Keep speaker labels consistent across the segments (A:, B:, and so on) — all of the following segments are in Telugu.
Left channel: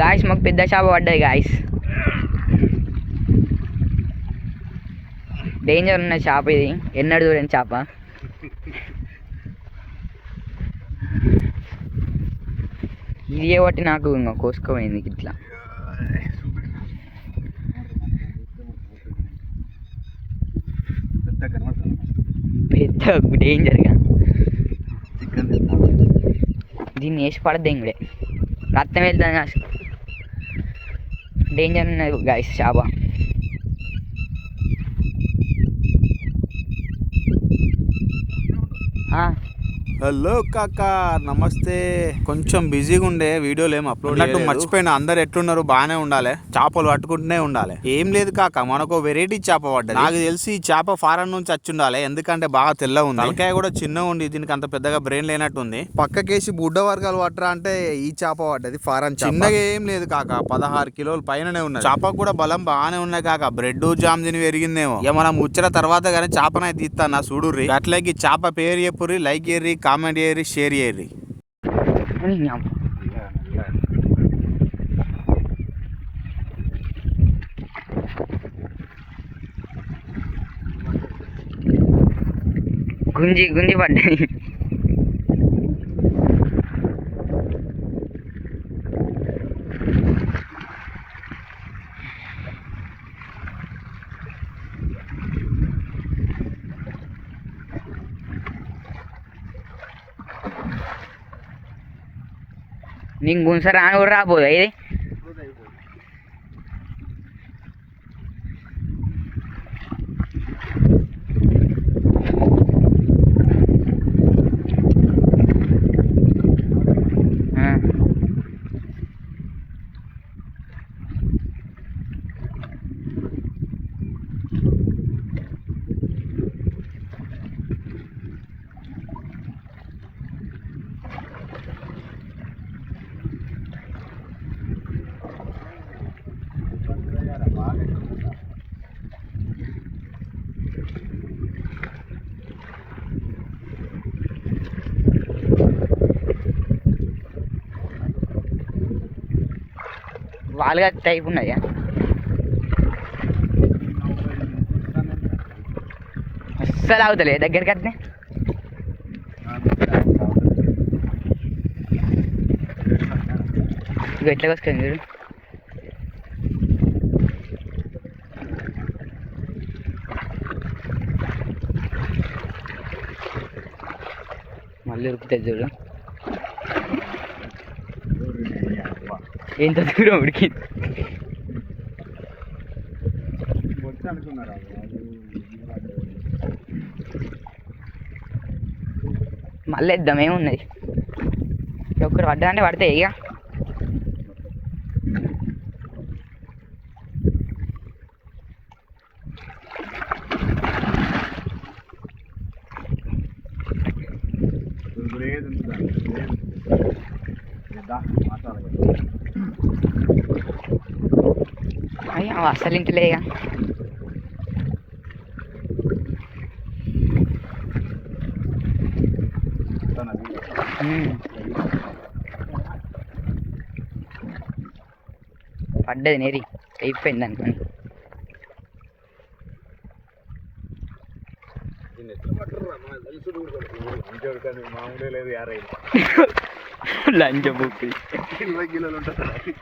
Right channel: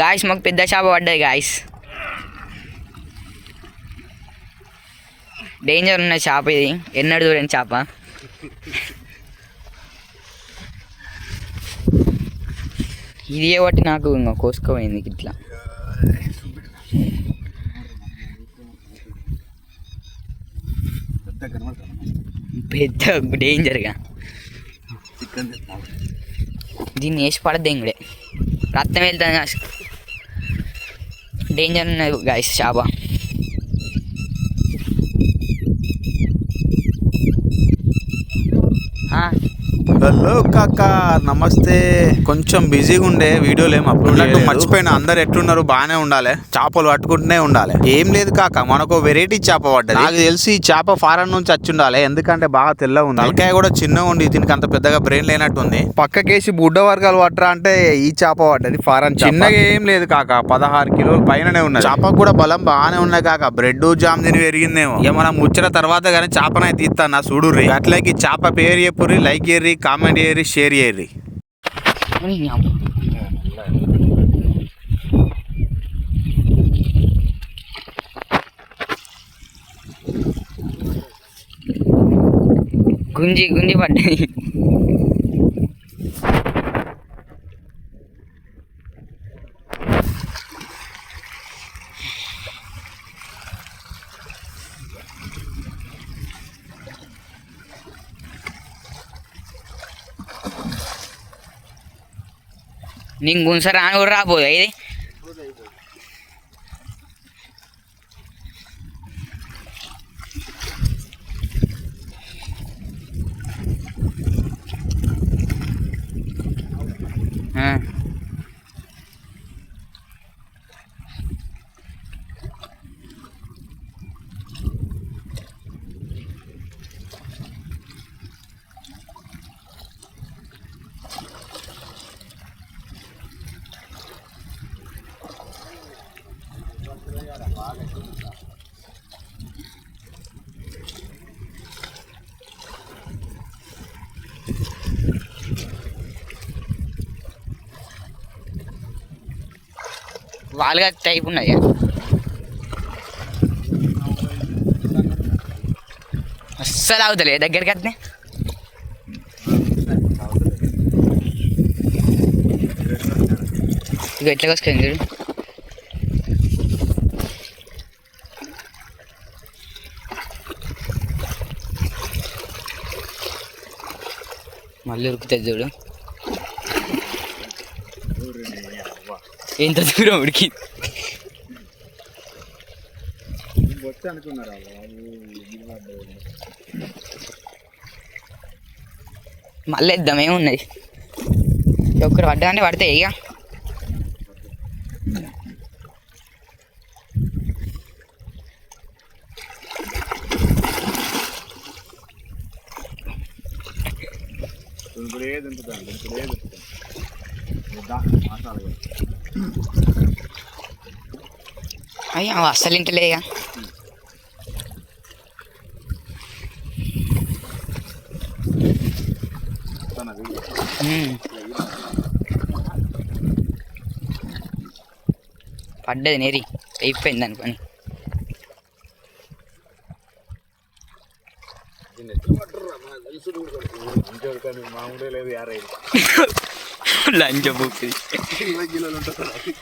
A: గాయస్ మాకు పెద్ద చేప పడ్డది గాయస్ డేంజర్ ఉన్న చేప ఇది. ఎన్నడు చూడండి చేప. ఇది ఒకటి నాకు ఇంకా కోసుకోపోయింది ఇట్లా.
B: పెద్ద
A: డేంజర్గా దీన్ని వేసి పడద్దు ఇంకడే రక్తం వెళ్తాను అసలు డేంజర్ ఉన్నది గాయస్ చేప ఆ,
B: హలో కాక నమస్తే. కొంచెం బిజీగా ఉండే వీడియోలు ఏం అప్లోడ్ చేయలేదు. మర్చిపోయిన. అందరు ఎట్లున్నారు? బాగానే ఉండాలి. చేపలు పట్టుకుంటూనే ఉండాలి. ఏం లేదు కాక మనకు వెరైటీ చేప పడ్డది. నాకు తెలిసి ఈ చేప ఫారెన్ నుంచి వచ్చి ఉండాలి ఎందుకంటే బాగా తెల్ల ఉంది. తలకాయ కూడా చిన్నగా ఉంది. దీనికి అంత పెద్దగా బ్రెయిన్ లేనట్టుంది పక్కకేసి బుడ్డ వర్గాలు పట్టరా అంటే ఈ చేప పడ్డది ఫారెన్ చిన్నగా ఏం లేదు కాక. పదహారు కిలోల పైననే ఉన్నది. చేపకు కూడా బలం బాగానే ఉన్నాయి కాక. బ్రెడ్ జామ్ తిని పెరిగిందేమో. ఇక మనం ముచ్చట తర్వాత కానీ చేపనైతే తీస్తాను చూడుర్రి. అట్లకి చేప పేరు చెప్పుర్రి లైక్ చేయర్రి కామెంట్ చేయర్రి షేర్ చేయర్రి
A: అని అమ్మ. గుంజి గుంజి పడ్డది నీకు గుంస రాని కూడా రాబోదు ఇది వాళ్ళగా టైప్ ఉన్నాయా. అస్సలు అవుతలే దగ్గరికి అట్నే. ఇక ఎట్లా వస్తాయి చూడు. మళ్ళీ ఉరుకుతుంది చూడు. ఎంత దూరం ఉడికి మళ్ళీ ఇద్దాం ఏమున్నది ఒక్కరు పడ్డా పడితే ఇక. అయ్యా అస్సలు ఇంటలే ఇక ఉమ్. పడ్డది నేరి. అయిపోయింది అనుకోని
B: మామూలే లేదు యారై.
A: లంచ బుక్
B: ఇరవై కిలోలు ఉంటుంది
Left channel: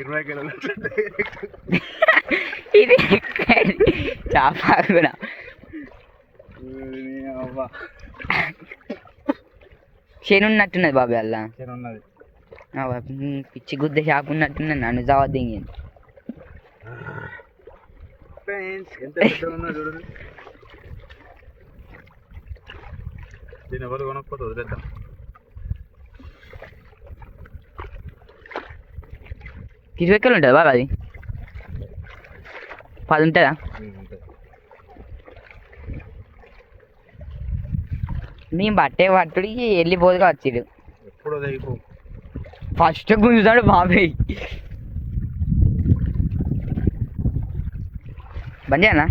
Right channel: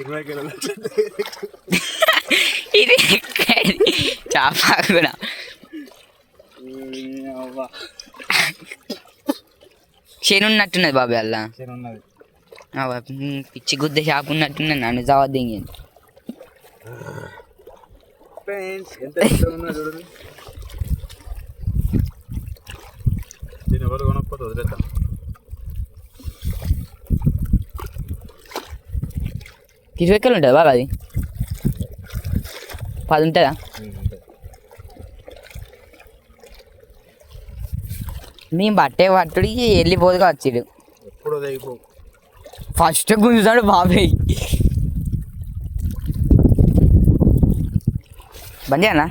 B: ఇరవై కిలోలు
A: ఇది చేప కూడా శని ఉన్నట్టున్నది బాబాయ్ అలా పిచ్చి గుద్ద చేప ఉన్నట్టున్నది నన్ను చవద్దు
B: ఫ్రెండ్స్ ఎంత పెద్ద ఉన్నా చూడండి దీన్ని ఎవరు కొనకపోతే వదిలేద్దాం
A: ఇరవై ఎక్కలు ఉంటుంది బాగా అది పది ఉంటుందా మేము బట్టే పట్టుడికి వెళ్ళిపోదుగా వచ్చిడు
B: ఎప్పుడో
A: ఫస్ట్ గుంజుతాడు బాబాయ్ చేయనా